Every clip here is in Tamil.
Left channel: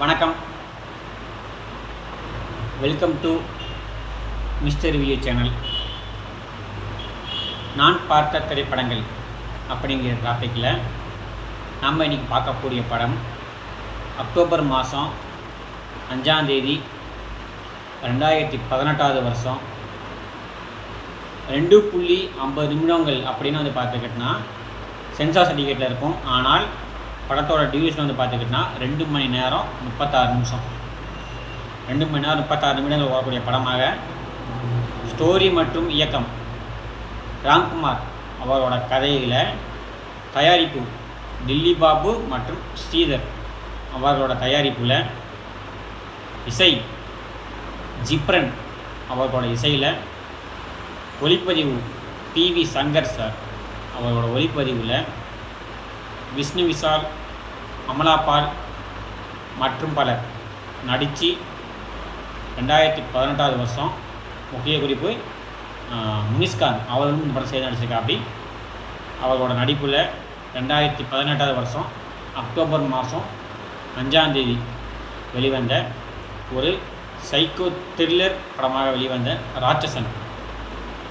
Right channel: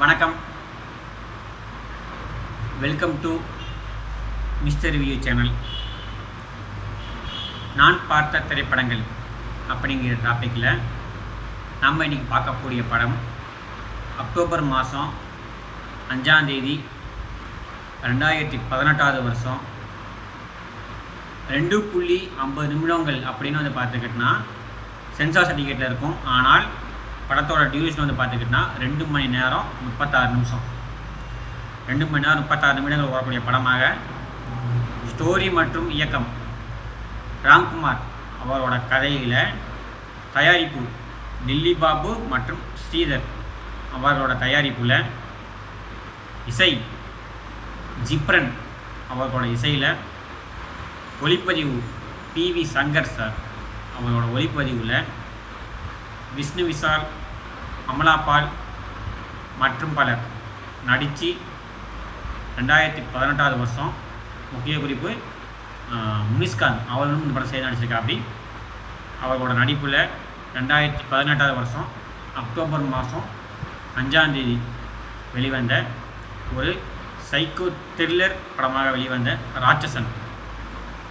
வணக்கம். Welcome to mister review channel. நான் பார்த்த திரைப்படங்கள் அப்படிங்கிற டாப்பிக்கில் நம்ம இன்றைக்கி பார்க்கக்கூடிய படம் அக்டோபர் மாதம் 5ஆம் தேதி 2018 வருஷம் 2.50 நிமிடங்கள் அப்படின்னு பார்த்துக்கிட்டோன்னா சென்சார் சர்டிஃபிகேட்டில் இருக்கும். ஆனால் படத்தோட டியூரேஷன் பார்த்துக்கிட்டோன்னா 2 மணி நேரம் 36 நிமிஷம். 2 மணி நேரம் 36 நிமிடங்கள் வரக்கூடிய படமாக ஸ்டோரி மற்றும் இயக்கம் ராம்குமார் அவரோட கதையில், தயாரிப்பு தில்லி பாபு மற்றும் ஸ்ரீதர் அவர்களோட தயாரிப்பில், இசை ஜிப்ரன் அவர்களோட இசையில், ஒளிப்பதிவு டிவி சங்கர் சார் அவரோட ஒளிப்பதிவில், விஷ்ணு விஷால், அமலாபால் மற்றும் பலர் நடித்து 2018 வருஷம் முக்கிய குறிப்பு முனிஸ்கான் அவர்களும் இந்த படம் செய்து நடிச்சிருக்காப்படி. அவர்களோட நடிப்பில் 2018 வருஷம் அக்டோபர் மாதம் 5ஆம் தேதி வெளிவந்த ஒரு சைக்கோ த்ரில்லர் படமாக வெளிவந்த ராட்சசன்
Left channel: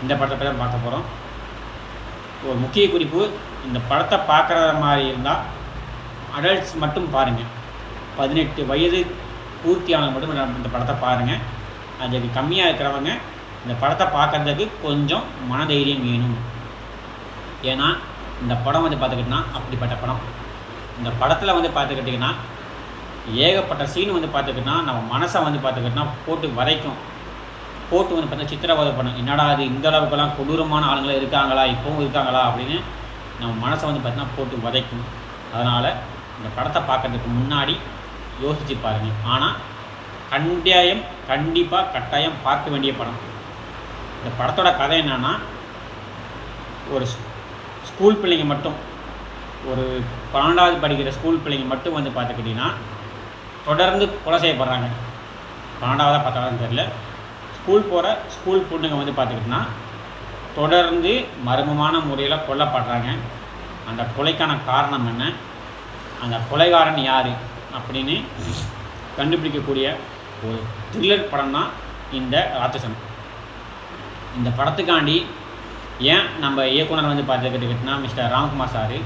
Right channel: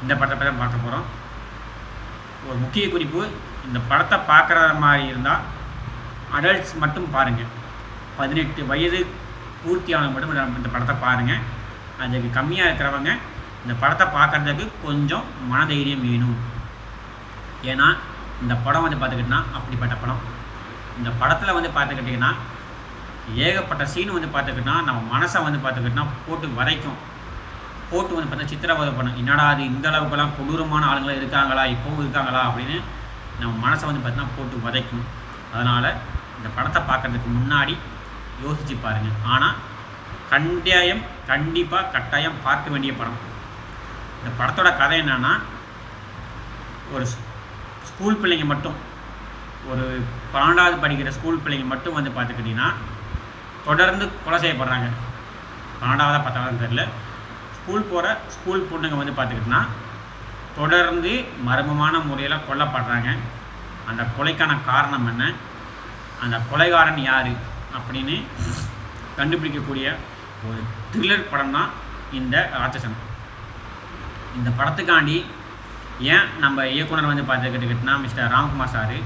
இந்த படத்தை பற்றி பார்க்க போகிறோம். ஒரு முக்கிய குறிப்பு, இந்த படத்தை பார்க்குற மாதிரி இருந்தால் அடல்ட்ஸ் மட்டும் பாருங்கள். 18 வயது பூர்த்தியானவங்க மட்டும் இந்த படத்தை பாருங்கள். அதுக்கு கம்மியாக இருக்கிறவங்க இந்த படத்தை பார்க்குறதுக்கு கொஞ்சம் மனதைரியம் வேணும். ஏன்னா இந்த படம் பார்த்துக்கிட்டிங்கன்னா அப்படிப்பட்ட படம். இந்த படத்தில் பார்த்துக்கிட்டிங்கன்னா ஏகப்பட்ட சீன் பார்த்துக்கிட்டோன்னா நம்ம மனசை பார்த்துக்கிட்டோன்னா போட்டு வதைக்கும். போட்டு பார்த்தா சித்திரவதை பண்ணும். என்னடா அது இந்த அளவுக்குலாம் கொடூரமான ஆளுங்களாம் இருக்காங்களா, இப்போவும் இருக்காங்களா அப்படின்னு நம்ம மனசை பார்த்தீங்கன்னா போட்டு வதைக்கும். அதனால் இந்த படத்தை பார்க்குறதுக்கு முன்னாடி யோசித்து பாருங்கள். ஆனால் கட்டாயம் பார்க்க வேண்டிய படம். இந்த படத்தோட கதை என்னென்னா, ஒரு ஸ்கூல் பிள்ளைங்க மட்டும், ஒரு 12வது படிக்கிற ஸ்கூல் பிள்ளைங்க மட்டும் பார்த்துக்கிட்டிங்கன்னா தொடர்ந்து கொலை செய்யப்படுறாங்க. 12வதா 10வதான்னு தெரியல. ஸ்கூல் பொண்ணுங்க பார்த்துக்கிட்டிங்கன்னா தொடர்ந்து மர்மமான முறையில் கொல்லப்படுறாங்க. அந்த கொலைக்கான காரணம் என்ன, அந்த கொலைகாரன் யார் அப்படின்னு கண்டுபிடிக்கக்கூடிய ஒரு த்ரில்லர் படம் தான் இந்த ராட்சசன். இந்த படத்துக்காண்டி ஏன் நம்ம இயக்குனர் பார்த்துக்கிட்டுக்கிட்டனா மிஸ்டர் ராம்குமார் சார்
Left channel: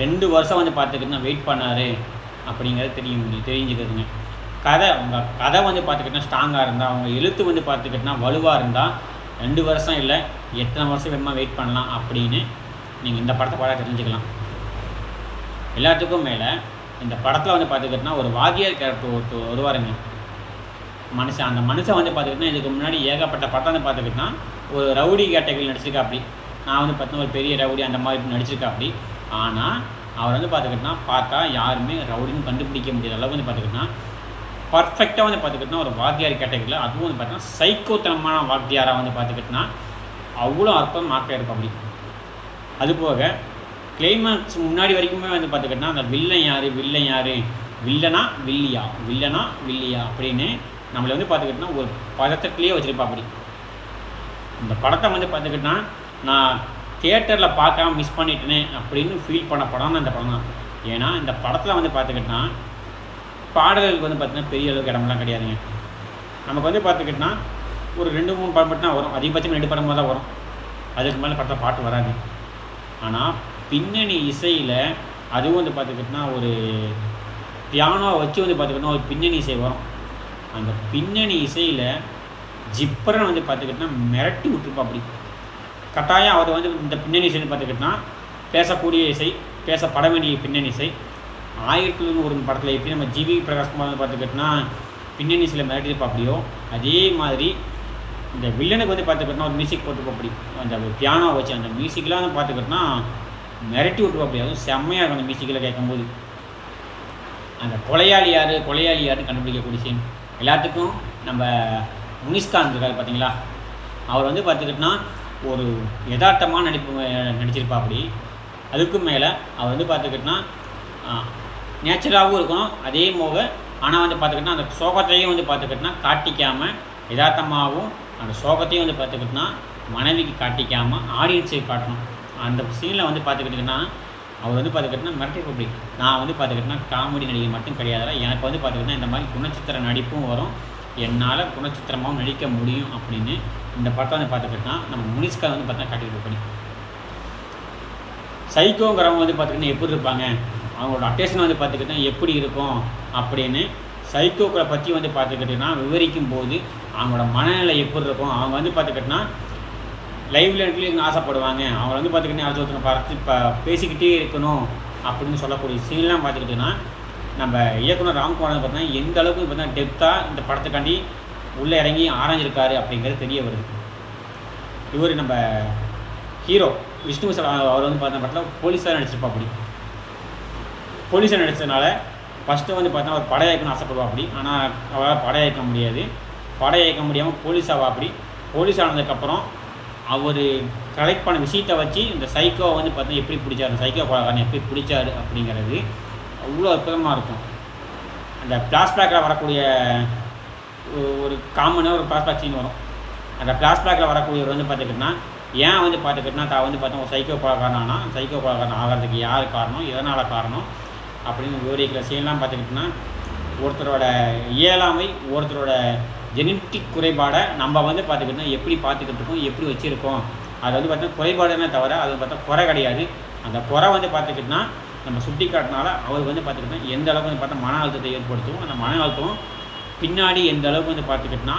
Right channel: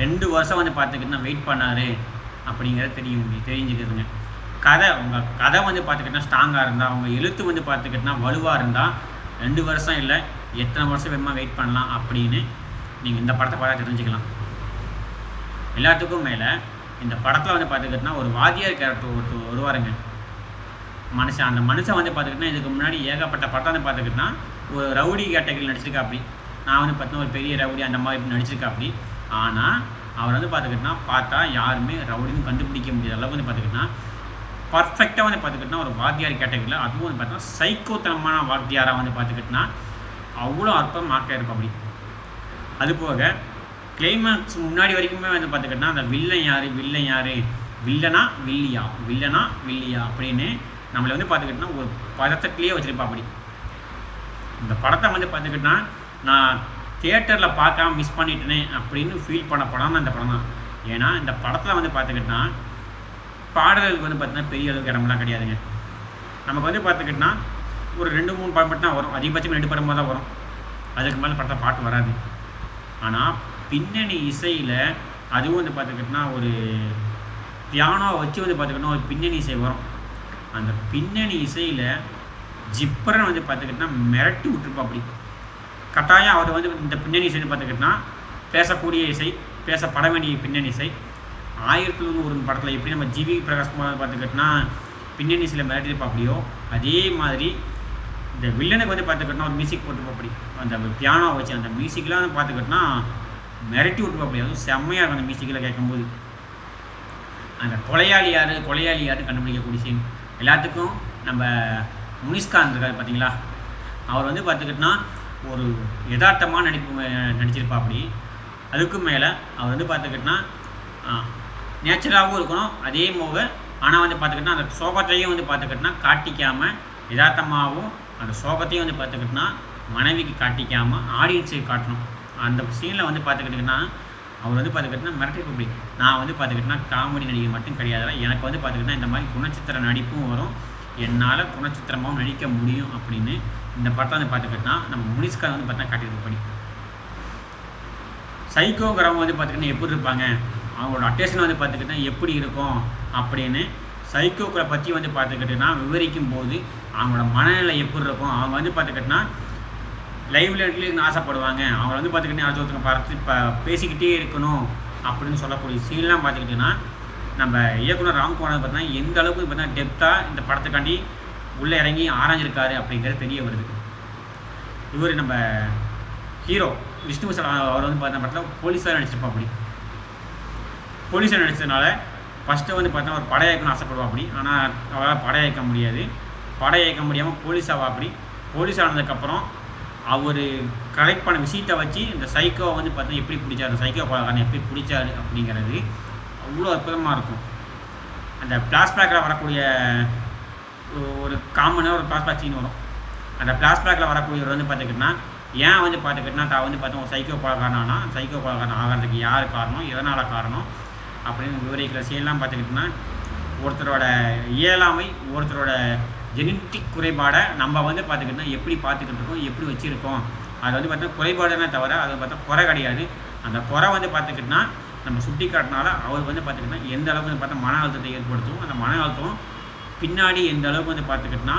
2 வருஷம் பார்த்துக்கிட்டனா வெயிட் பண்ணார் அப்படிங்கிறத தெரிஞ்சுக்கிறதுங்க. உங்கள் கதை பார்த்துக்கிட்டா ஸ்ட்ராங்காக இருந்தால், அவங்க எழுத்து பார்த்துக்கிட்டனா வலுவாக இருந்தால் 2 வருஷம் இல்லை எத்தனை வருஷம் வேணுமா வெயிட் பண்ணலாம் அப்படின்னு நீங்கள் இந்த படத்தை பார்த்தா தெரிஞ்சுக்கலாம். எல்லாத்துக்கும் மேலே இந்த படத்தில் பார்த்துக்கிட்டனா ஒரு வாத்தியார் கேரக்டர் வருவாருங்க மனுஷன். அந்த மனுஷன் பார்த்துக்கிட்டனா இதுக்கு முன்னாடி ஏகப்பட்ட படம் பார்த்துக்கிட்டனா ஒரு ரவுடி கேட்டகரியில் நடிச்சிருக்கா. அப்படி நான் பார்த்தீங்கன்னா ஒரு பெரிய ரவுடி அந்த மாதிரி நடிச்சிருக்கா. அப்படி ஆனால் அவர் பார்த்துக்கிட்டனா பார்த்தா யாருமே ரவுடின்னு கண்டுபிடிக்க முடியாத அளவு பார்த்துக்கிட்டனா பர்ஃபெக்டாக பார்த்துக்கிட்டனா ஒரு வாத்தியார் கேட்டகரியில், அதுவும் பார்த்தீங்கன்னா சைக்கோத்தனமான வாத்தியாராக பார்த்துக்கிட்டனா அவ்வளோ அற்பம் மாக்க இருக்கும். அப்படி அதுபோக கிளைமேக்ஸ் முன்னாடி வரைக்குமே பார்த்துக்கிட்டனா அந்த வில்லன் யார், வில்லனா வில்லியா அப்படின்னு நம்மளை பார்த்துக்கிட்டனா ஒரு பதத்துக்குள்ளேயே வச்சுருப்பா. அப்படி இந்த படத்தை பார்த்துக்கிட்டனா நான் தியேட்டரில் பார்க்காம மிஸ் பண்ணிட்டேனே அப்படின்னு ஃபீல் பண்ண படம் இந்த படம் தான். ஏன்னா இந்த படத்தில் பார்த்துக்கிட்டனா பாடல்களுக்கு பார்த்திங்கன்னா பெரிய அளவுக்கு இடமெல்லாம் கிடையாதுங்க. நமக்கு பார்த்துக்கிட்டனா ஒரு 2-3 படம் மட்டும் தான் வரும். அதிகபட்சம் 2 படம் தான் வரும். அதுக்கு மேலே படத்தை பாட்டு வராது. ஆனால் பின்னணி இசையில் அதுவும் பார்த்துக்கிட்டனா ஒரு பியானோவை வச்சு பார்த்துக்கிட்டனா ஒரு பின்னணி இசை வரும். அந்த பின்னணி இசையில் ஜிப்ரன் பார்த்துக்கிட்டனா மிரட்டி விட்டுருப்பா. அப்படி கட்டாயம் அவர் இந்த பின்னணி இசைன்னு பார்த்துக்கிட்டனா பேசக்கூடிய இசை, பேசப்பட வேண்டிய பின்னணி இசை. 1001 படத்தில் எப்படி நம்ம ஜிவி பிரகாஷ்குமார் பார்த்துக்கிட்டோன்னா பின்னணி சில மிரட்டிருப்பா. அப்படியோ அதே மாதிரி இந்த வில்லனுக்கு பார்த்துக்கிட்டோன்னா ஒரு மியூசிக் போட்டுருப்பா. அப்படி அந்த பியானோ வச்சு அந்த மியூசிக்லாம் பார்த்துக்கிட்டோன்னா மிரட்டி விட்டுருப்பா. அப்படி அதுவும் செம்மையாக இருக்கும். அந்த மியூசிக்கில் கேட்கும்போது அந்த கொலையாளி யார் கண்டுபிடிக்கக்கூடிய சீன். எல்லாத்துக்கும் நம்ம முனிஸ்கான் இருக்கார் பார்த்தீங்களா, அவர் பார்த்துக்கிட்டோன்னா ஒரு யதார்த்தமாக நடிச்சிருப்பா. அப்படி அதுக்கும் மேலே அவர் பார்த்துக்கிட்டோன்னா நேச்சுரலாகவும் இருக்கணும். அதே போக ஆனால் பார்த்துக்கிட்டோன்னா அந்த சோகத்தையும் பார்த்துக்கிட்டோன்னா காட்டிக்காமல் யதார்த்தமாகவும் அந்த சோகத்தையும் பார்த்துக்கிட்டோன்னா மனைவிக்கு காட்டிக்காமல் ஆடியன்ஸுக்கு காட்டணும். அந்த சீனில் பார்த்துக்கிட்டிங்கன்னா அவர் வந்து பார்த்துக்கிட்டிங்கன்னா மிரட்டல் பப்ளிக். நான் வந்து பார்த்துக்கிட்டிங்கன்னா காமெடி நடிகை மட்டும் கிடையாதுடா, எனக்கு வந்து பார்த்துக்கிட்டிங்கன்னா இந்த மாதிரி குணச்சித்திர நடிப்பும் வரும், என்னால் குணச்சித்திரமாகவும் நடிக்க முடியும் அப்படின்னு இந்த படத்தை வந்து பார்த்துக்கிட்டிங்கன்னா நம்ம முனிஷ்காந்த் வந்து பார்த்தா காட்டியிருக்க படி. சைக்கோங்கிறவங்க வந்து பார்த்துக்கிட்டிங்கன்னா எப்படி இருப்பாங்க, அவங்களோட அட்டேஷன் வந்து பார்த்துக்கிட்டிங்கன்னா எப்படி இருக்கும் அப்படின்னு சைக்கோக்களை பற்றி வந்து பார்த்துக்கிட்டிங்கன்னா விவரிக்கும் போது அவங்களோட மனநிலை எப்படி இருக்கும், அவங்க வந்து பார்த்துக்கிட்டிங்கன்னா லைவ்ல இருக்கணும்னு ஆசைப்படுவாங்க, அவங்க வந்து பார்த்துக்கிட்டிங்கன்னா அடுத்த ஒருத்தவங்க பார்த்து பேசிக்கிட்டே இருக்கணும் அப்படின்னு சொல்லக்கூடிய சீன்லாம் பார்த்துக்கிட்டிங்கன்னா நம்ம இயக்குனர் ராம்குமார் வந்து பார்த்தீங்கன்னா எந்த அளவுக்கு பார்த்தீங்கன்னா டெப்த்தாக இந்த படத்துக்காண்டி உள்ளே இறங்கி ஆராய்ஞ்சிருக்காரு அப்படிங்கிறது தெரிய வருது. இவர் நம்ம ஹீரோ விஷ்ணு விஷால் அவர் வந்து பார்த்தா படத்தில் போலீஸாக நடிச்சிருப்பா. அப்படி போலீஸாக நடித்ததுனால ஃபஸ்ட்டு வந்து பார்த்தா ஒரு படம் இயக்கணும்னு ஆசைப்படுவா. அப்படி ஆனால் அவரால் படம் இயக்க முடியாது. படம் இயக்க முடியாமல் போலீஸாவா. அப்படி போலீஸ் ஆனதுக்கப்புறம் அவர் கலெக்ட் பண்ண விஷயத்தை வச்சு இந்த சைக்கோவை வந்து பார்த்தீங்கன்னா எப்படி பிடிச்சார், அந்த சைக்கோ படம் எப்படி பிடிச்சாரு அப்படிங்கிறது அவ்வளோ அற்புதமாக இருக்கும். அந்த ஃப்ளாஷ்பேக்கில் வரக்கூடிய ஒரு காமனாக ஒரு ஃப்ளாஷ்பேக் சீன் வரும். அந்த ஃப்ளாஷ்பேக்கில் வரக்கூடியவர் வந்து பார்த்துக்கிட்டிங்கன்னா ஏன் வந்து பார்த்துக்கிட்டிங்கன்னா தான் வந்து பார்த்தா ஒரு சைக்கோ கொலைகாரனா, சைக்கோ கொலைகாரன் ஆகிறதுக்கு யார் காரணம், எதனால் காரணம் அப்படின்னு விவரிக்கிற சீன்லாம் பார்த்துக்கிட்டிங்கன்னா ஒருத்தரோட இயலாமை, ஒருத்தரோட ஜெனட்டிக் குறைபாடை நம்ம வந்து பார்த்துக்கிட்டிங்கன்னா எப்படி பார்த்துக்கிட்டு இருக்கோம், எப்படி வச்சுருக்கோம், அது வந்து பார்த்தா குறைபாடுன்னு தவிர அது வந்து பார்த்தா குறை கிடையாது. அந்த குறை வந்து பார்த்துக்கிட்டிங்கன்னா நம்ம சுட்டி காட்டினால அவருக்கு வந்து பார்த்துக்கிட்டிங்கன்னா எந்த அளவுக்கு வந்து பார்த்தா மன அழுத்தத்தை ஏற்படுத்தும், அந்த மன அழுத்தம் பின்னாடி எந்த அளவுக்கு வந்து பார்த்துக்கிட்டிங்கன்னா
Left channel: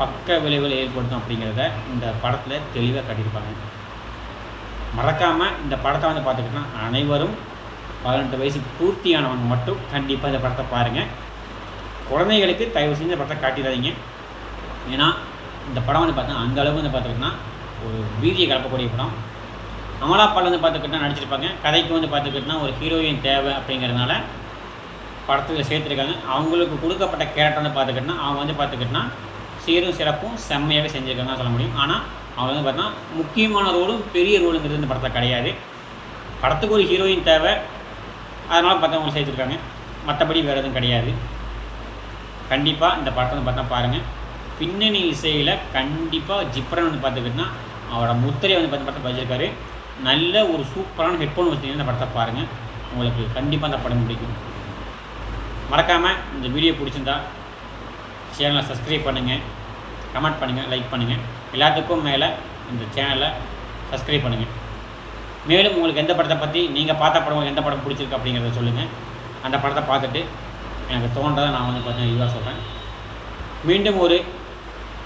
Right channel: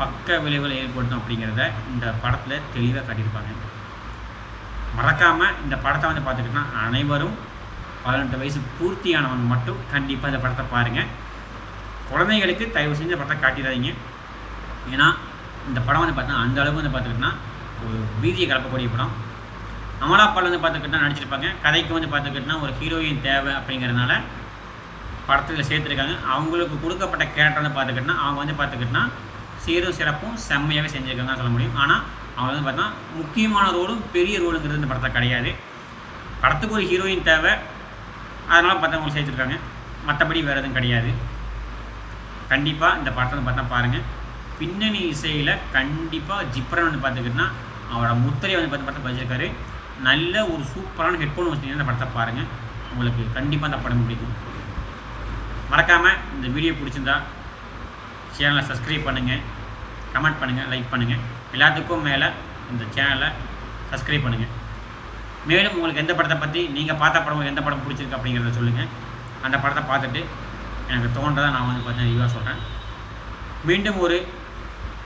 பக்க விளைவுகளை ஏற்படுத்தும் அப்படிங்கிறத இந்த படத்தில் தெளிவாக காட்டியிருப்பாங்க. மறக்காமல் இந்த படத்தை வந்து பார்த்துக்கிட்டிங்கன்னா அனைவரும் 18 வயசு பூர்த்தியானவங்க மட்டும் கண்டிப்பாக இந்த படத்தை பாருங்கள். குழந்தைகளுக்கு தயவு செஞ்சு இந்த படத்தை காட்டிடாதீங்க. ஏன்னா இந்த படம் வந்து பார்த்தா அந்த அளவுக்கு வந்து பார்த்துக்கிட்டிங்கன்னா ஒரு பீதியை கலப்பக்கூடிய படம். அமலாபால் வந்து பார்த்துக்கிட்டிங்கன்னா நடிச்சிருப்பாங்க. கதைக்கு வந்து பார்த்துக்கிட்டிங்கன்னா ஒரு ஹீரோயின் தேவை அப்படிங்கிறதுனால படத்தில் சேர்த்துருக்காங்க. அவங்களுக்கு கொடுக்கப்பட்ட கேரக்டர் வந்து பார்த்துக்கிட்டிங்கன்னா அவங்க வந்து பார்த்துக்கிட்டிங்கன்னா சீரும் சிறப்பும் செம்மையாகவே செஞ்சுருக்காங்கன்னு சொல்ல முடியும். ஆனால் அவங்க வந்து பார்த்தீங்கன்னா முக்கியமான ரோலும் பெரிய ரோலுங்கிறது இந்த படத்தில் கிடையாது. படத்துக்கு ஒரு ஹீரோயின் தேவை, அதனால் பார்த்தா அவங்க சேர்த்துருக்காங்க, மற்றபடி வேறு எதுவும் கிடையாது. கண்டிப்பாக இந்த படத்தை வந்து பார்த்தா பாருங்கள். பின்னணி இசையில் கண்டிப்பாக ஜிப்ரன் வந்து பார்த்துக்கிட்டிங்கன்னா அவரோட முத்திரையை வந்து பார்த்தா பதிச்சிருக்காரு. நல்ல ஒரு சூப்பரான ஹெட்ஃபோன் வச்சுருந்தீங்கன்னா இந்த படத்தை பாருங்கள், உங்களுக்கு கண்டிப்பாக அந்த படம் பிடிக்கும். மறக்காமல் இந்த வீடியோ பிடிச்சிருந்தா சேனலை சப்ஸ்கிரைப் பண்ணுங்கள், கமெண்ட் பண்ணுங்கள், லைக் பண்ணுங்கள். எல்லாத்துக்கும் மேலே இந்த சேனலை சப்ஸ்கிரைப் பண்ணுங்கள். மேலும் உங்களுக்கு எந்த படத்தை பற்றி நீங்கள் பார்த்த படம் எந்த படம் பிடிச்சிருக்கு அப்படிங்கிறத சொல்லுங்கள். அந்த படத்தை பார்த்துட்டு எனக்கு தோன்றதை நான் வந்து பார்த்தீங்கன்னா ரிவ்யூவாக சொல்கிறேன். மீண்டும் ஒரு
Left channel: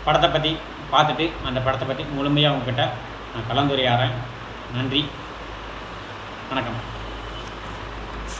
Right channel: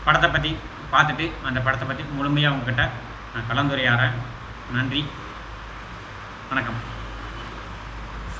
படத்தை பற்றி பார்த்துட்டு அந்த படத்தை பற்றி முழுமையாக உங்கள்கிட்ட நான் கலந்துரையாடுறேன். நன்றி, வணக்கம்.